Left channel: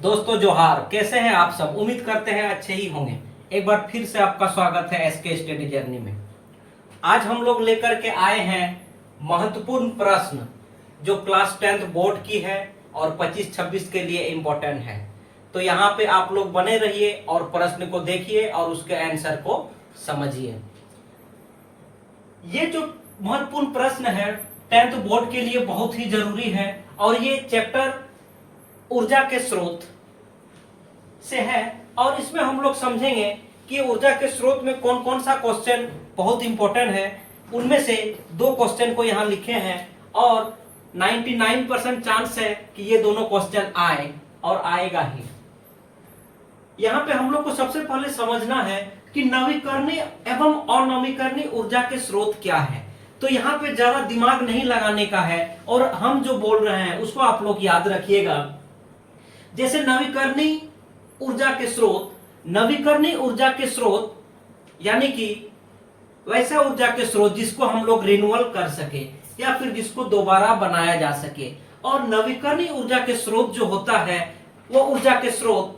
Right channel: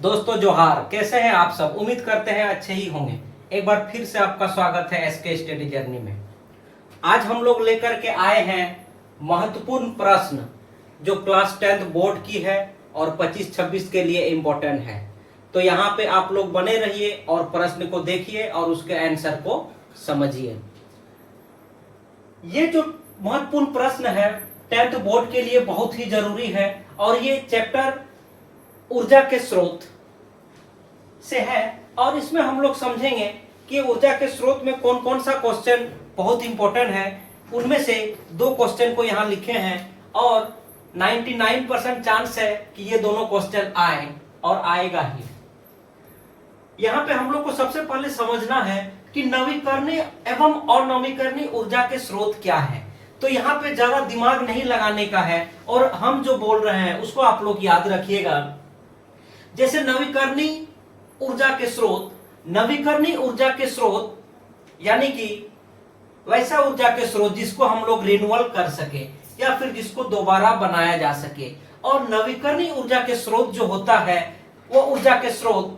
दोस्तों जोहार, कैसे हैं आप सब। उम्मीद करते हैं अच्छे ही होंगे। एक बार फिर से आपका स्वागत है एसके स्टडी जर्नी में। आज हम लोग लेकर के आए हैं महत्वपूर्ण प्रश्न जो क्लास 10th बोर्ड की है और 25-26 के लिए इम्पोर्टेंट है। तो यहाँ पे आप लोग बने रहिए और प्रश्न को देखिए और उसके आंसर को समझिए। ये जो महत्वपूर्ण प्रश्न है 10th बोर्ड के लिए बहुत ही जरूरी है और ये चैप्टर ऊर्जा के स्रोत से है और इसमें हम लोग समझेंगे कि ऊर्जा के स्रोत में कौन कौन सा क्वेश्चन बहुत इंपॉर्टेंट है। उनमें से 2 क्वेश्चन को यहाँ लिखे हैं और 99% चांस है कि ये दोनों क्वेश्चन आए और आएगा ही। यहाँ पे हम लोग को सबसे पहले समझना है कि नवीकरणीय एवं अनवीकरणीय ऊर्जा के स्रोत क्या है। तो यहाँ पे ज्यादा दिमाग नहीं लगाने का है और हम जो बोल रहे हैं उसको आप लोग याद रखिएगा। जैसे नवीकरणीय ऊर्जा के स्रोत, नवीकरणीय ऊर्जा के स्रोत यानी कि वैसा ऊर्जा के स्रोत जिसको हम लोग रिन्यूअल कर सके या फिर जिसको दोबारा बनाया जा सके। और नवीकरणीय ऊर्जा के स्रोत जो होता है वो ऊर्जा के स्रोत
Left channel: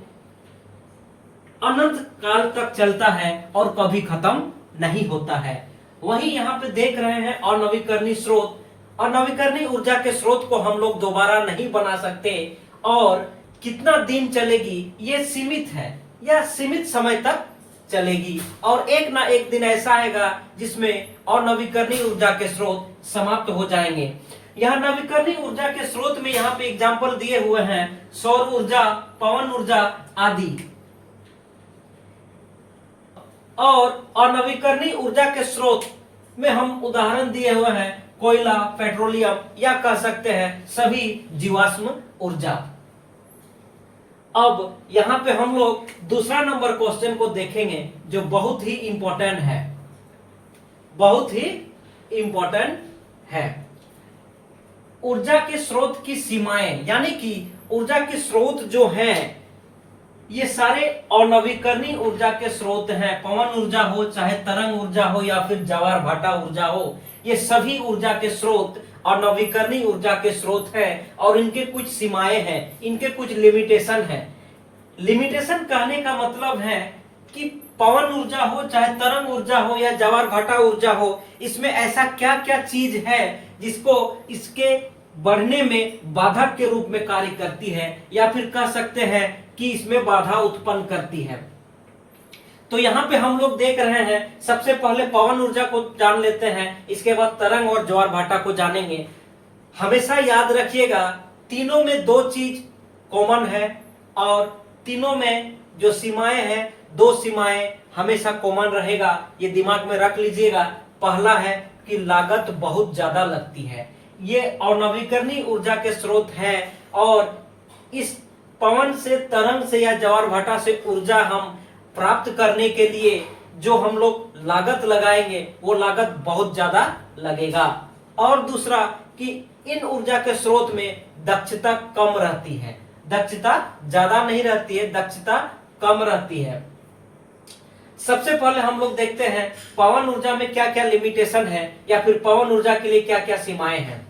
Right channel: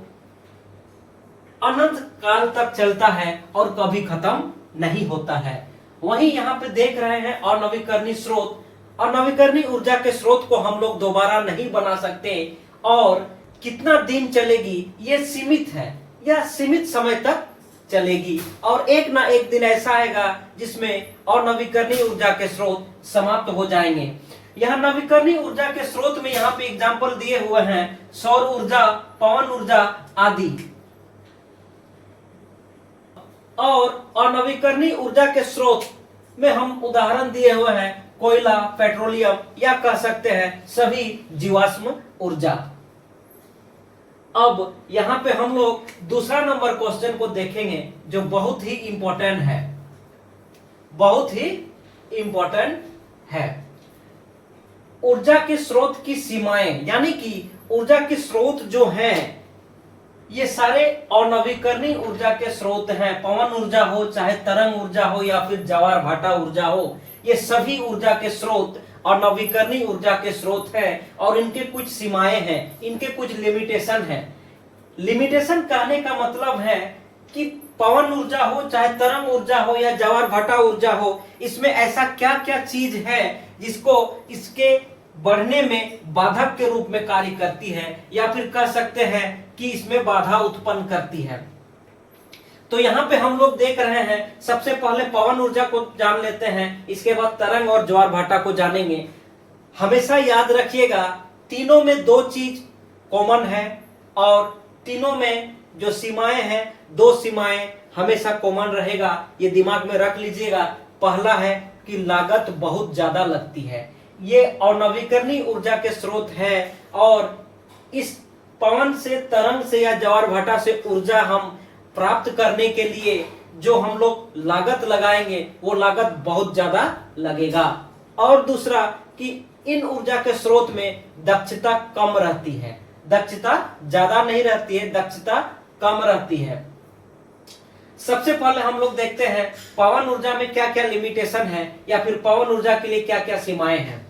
अनंत काल तक चलता है और कभी खत्म नहीं होता है। वहीं यहाँ पे देख रहे हैं अनवीकरणीय स्रोत, अनवीकरणीय ऊर्जा के स्रोत को हम लोग दोबारा नहीं बना सकते और कितना दिन चलेगी ये सीमित है या सीमित समय तक चलेगी और एक ना एक दिन ऐसा आएगा जिसमें अनवीकरणीय ऊर्जा के स्रोत समाप्त हो जाएंगे। यहाँ नवीकरणीय ऊर्जा के स्रोत में यहाँ पे एग्जाम्पल दिए हुए हैं सौर ऊर्जा, पवन ऊर्जा आदि। और अनवीकरणीय ऊर्जा के स्रोत में हम उदाहरण दिए हुए हैं कोयला, पेट्रोलियम या कह सकते हैं सभी जीवाश्म ऊर्जा। अब यहाँ पे हम लोग दूसरा नंबर क्वेश्चन को देखेंगे जो बहुत ही इंपॉर्टेंट है, बहुत ही इंपॉर्टेंट है। ऊर्जा के स्रोत की सीमाएं यानी कि ऊर्जा के स्रोत जो हैं ये सारे अनवीकरणीय ऊर्जा के स्रोत हैं। पवन ऊर्जा हो, चाहे तरंग ऊर्जा हो या फिर ज्वार भाटा ऊर्जा हो, ये सभी ऊर्जा के स्रोत अनवीकरणीय ऊर्जा के स्रोत हैं और इनके कुछ सीमाएं हैं, इनके कुछ लिमिटेशन हैं। लिमिटेशन कहने का मतलब है कि पवन ऊर्जा हो, चाहे तरंग ऊर्जा हो या ज्वार भाटा ऊर्जा हो, इसमें ऐसा क्या क्या चीज है जिसको इसके बढ़ने में बाधक के रूप में कार्य करती है या फिर कह सकते हैं कि इसमें बाधा उत्पन्न करती है। तो यहाँ पे हम लोग देख रहे हैं सबसे पहले पवन ऊर्जा को जान लेते हैं, इसके बाद तरंग और ज्वार भाटा को जानेंगे। हमेशा याद रखिएगा तीनों में 2 चीज कॉमन है और तीनों में जो सीमाएं हैं 2 सीमाएं हमेशा कॉमन रहेगा, ये दिमाग में रख लीजिएगा। पहला है कि लागत बहुत ज्यादा लगती है, ये अनवीकरणीय ऊर्जा के स्रोत है और इस पवन से, तरंग से या ज्वार भाटा से ऊर्जा हम प्राप्त करने के लिए जो हम लोग लागत लगाएंगे वो लागत बहुत ज्यादा लगेगा। और दूसरा कि इन ऊर्जा के स्रोत में दक्षता कम रहती है, दक्षता ज्यादा नहीं रहती है, दक्षता कम रहती है। सबसे पहले हम लोग देखते हैं पवन ऊर्जा में क्या क्या लिमिटेशन है या फिर पवन ऊर्जा के लिए क्या क्या सीमाएं हैं।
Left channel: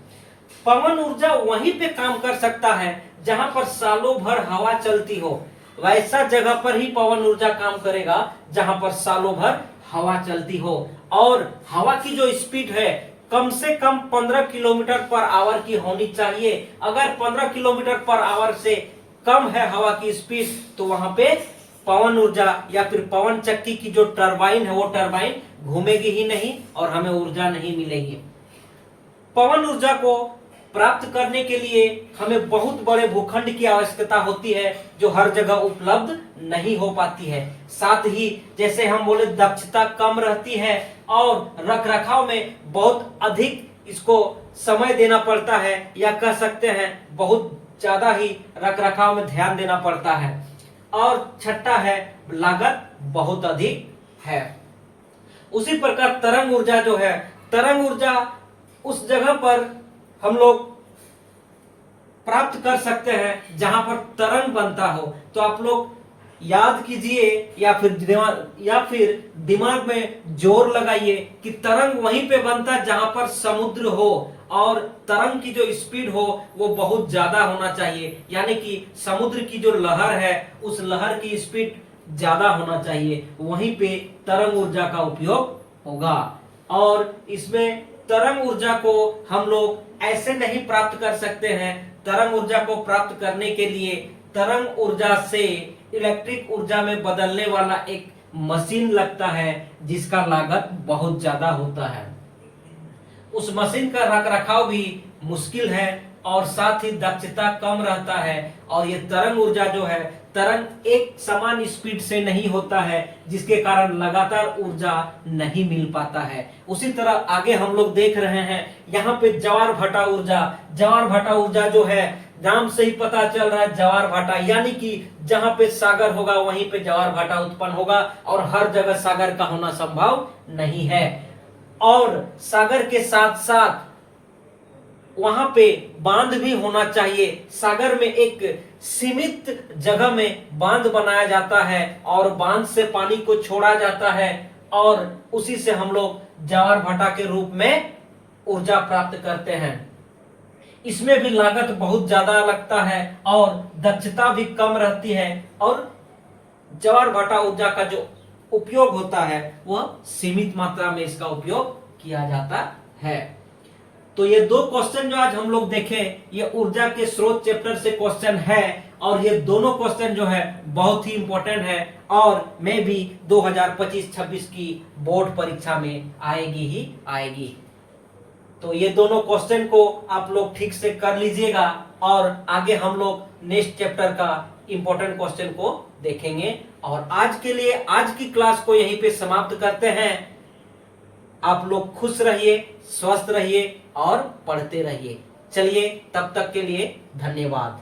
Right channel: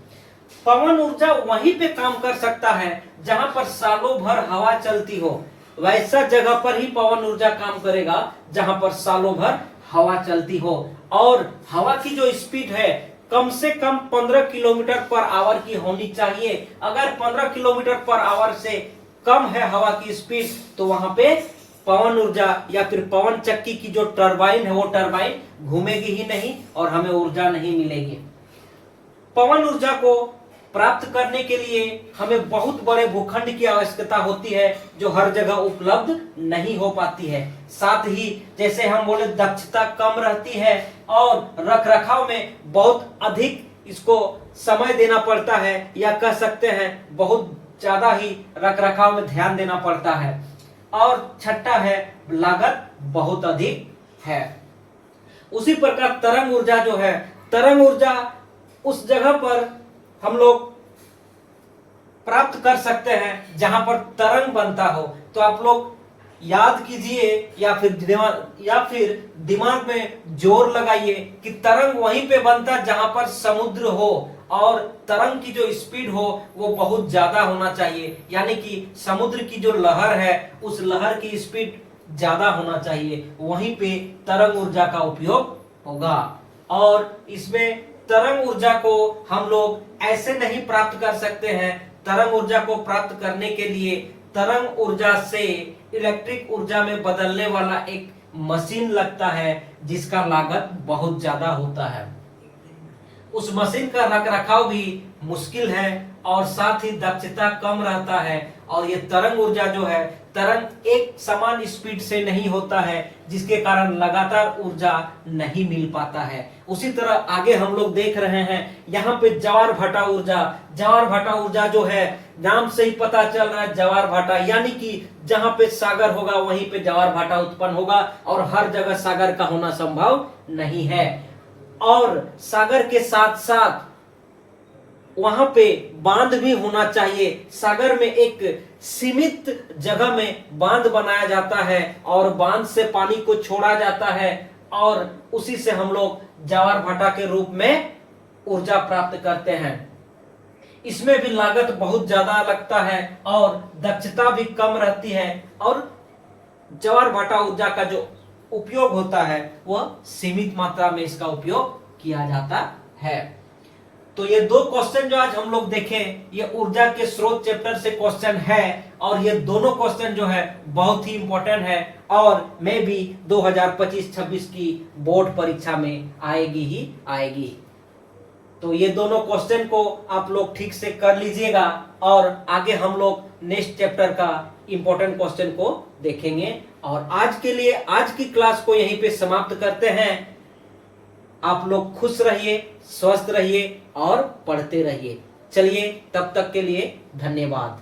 पवन ऊर्जा वहीं पे काम कर सकता है जहां पर सालों भर हवा चलती हो, वैसा जगह पर ही पवन ऊर्जा काम करेगा जहां पर सालों भर हवा चलती हो। और हवा की जो स्पीड है कम से कम 15 किलोमीटर पर आवर की होनी चाहिए। अगर 15 किलोमीटर पर आवर से कम है हवा की स्पीड तो वहां पे पवन ऊर्जा या फिर पवन चक्की की जो टरबाइन है वो टरबाइन घूमेगी ही नहीं और हमें ऊर्जा नहीं मिलेगी। पवन ऊर्जा को प्राप्त करने के लिए हमें बहुत बड़े भूखंड की आवश्यकता होती है जो हर जगह उपलब्ध नहीं हो पाती है। साथ ही जैसे हम बोले दक्षता कम रहती है और रखरखाव में बहुत अधिक इसको समय देना पड़ता है या कह सकते हैं बहुत ज्यादा ही रखरखाव में ध्यान देना पड़ता है। और छठा है लागत बहुत अधिक है। उसी प्रकार तरंग ऊर्जा जो है, तरंग ऊर्जा उस जगह पर हम लोग प्राप्त कर सकते हैं जहां पर तरंग बनता हो। तो आप लोग याद कीजिए या फिर दिमाग में जोर लगाइए कि तरंग वहीं पे बनता जहां पर समुद्र हो, और तरंग की जो स्पीड हो वो बहुत ज्यादा होना चाहिए, यानी कि समुद्र की जो लहर है उस लहर की स्पीड ज्यादा होना चाहिए, वहीं पे तरंग ऊर्जा का उपयोग होगा। और इसमें तरंग ऊर्जा को हम लोग ऐसे नहीं प्राप्त कर सकते हैं। तरंग ऊर्जा को प्राप्त करने के लिए तरंग ऊर्जा से इलेक्ट्रिक ऊर्जा में बदलने वाला एक मशीन लगता है, जिसका लागत बहुत ज्यादा होता है। उस मशीन का रख रखाव भी मुश्किल है और साथ ही दक्षता कम रहता है। और ये तरंग ऊर्जा जो है, तरंग एक समान स्पीड से नहीं होता है, जिसके कारण लगातार ऊर्जा नहीं मिल पाता है। उसी तरह आगे हम लोग देख रहे हैं यहाँ पे ज्वार भाटा ऊर्जा। ज्वार भाटा ऊर्जा जो है, नाम से ही पता चल रहा है ज्वार भाटा, यानी कि जहां पे सागर होगा वहीं पे ज्वार भाटा उत्पन्न होगा, और हर जगह सागर का होना संभव नहीं है। और सागर के साथ साथ वहां पे बांध भी होना चाहिए। सागर में एक सीमित जगह में बांध बनाया जाता है और बांध से पानी को छोड़ा जाता है, और उसी से हम लोग ज्वार भाटा के रूप में ऊर्जा प्राप्त करते हैं। इसमें भी लागत बहुत ज्यादा लगता है और दक्षता भी कम रहती है, और ज्वार भाटा ऊर्जा का जो उपयोग होता है वह सीमित मात्रा में इसका उपयोग किया जाता है। तो ये दो क्वेश्चन जो आज हम लोग देखें, ये ऊर्जा के स्रोत चैप्टर से क्वेश्चन है, और ये दोनों क्वेश्चन जो है बहुत ही इंपॉर्टेंट है, और मैं भी 2025-26 की बोर्ड परीक्षा में आएगी ही आएगी। तो ये दोनों क्वेश्चन को आप लोग ठीक से कर लीजिएगा, और आगे हम लोग नेक्स्ट चैप्टर का इंपॉर्टेंट क्वेश्चन को देखेंगे। और आज के लिए आज की क्लास को यहीं पे समाप्त करते हैं। आप लोग खुश रहिए, स्वस्थ रहिए और पढ़ते रहिए। चलिए, तब तक के लिए धन्यवाद।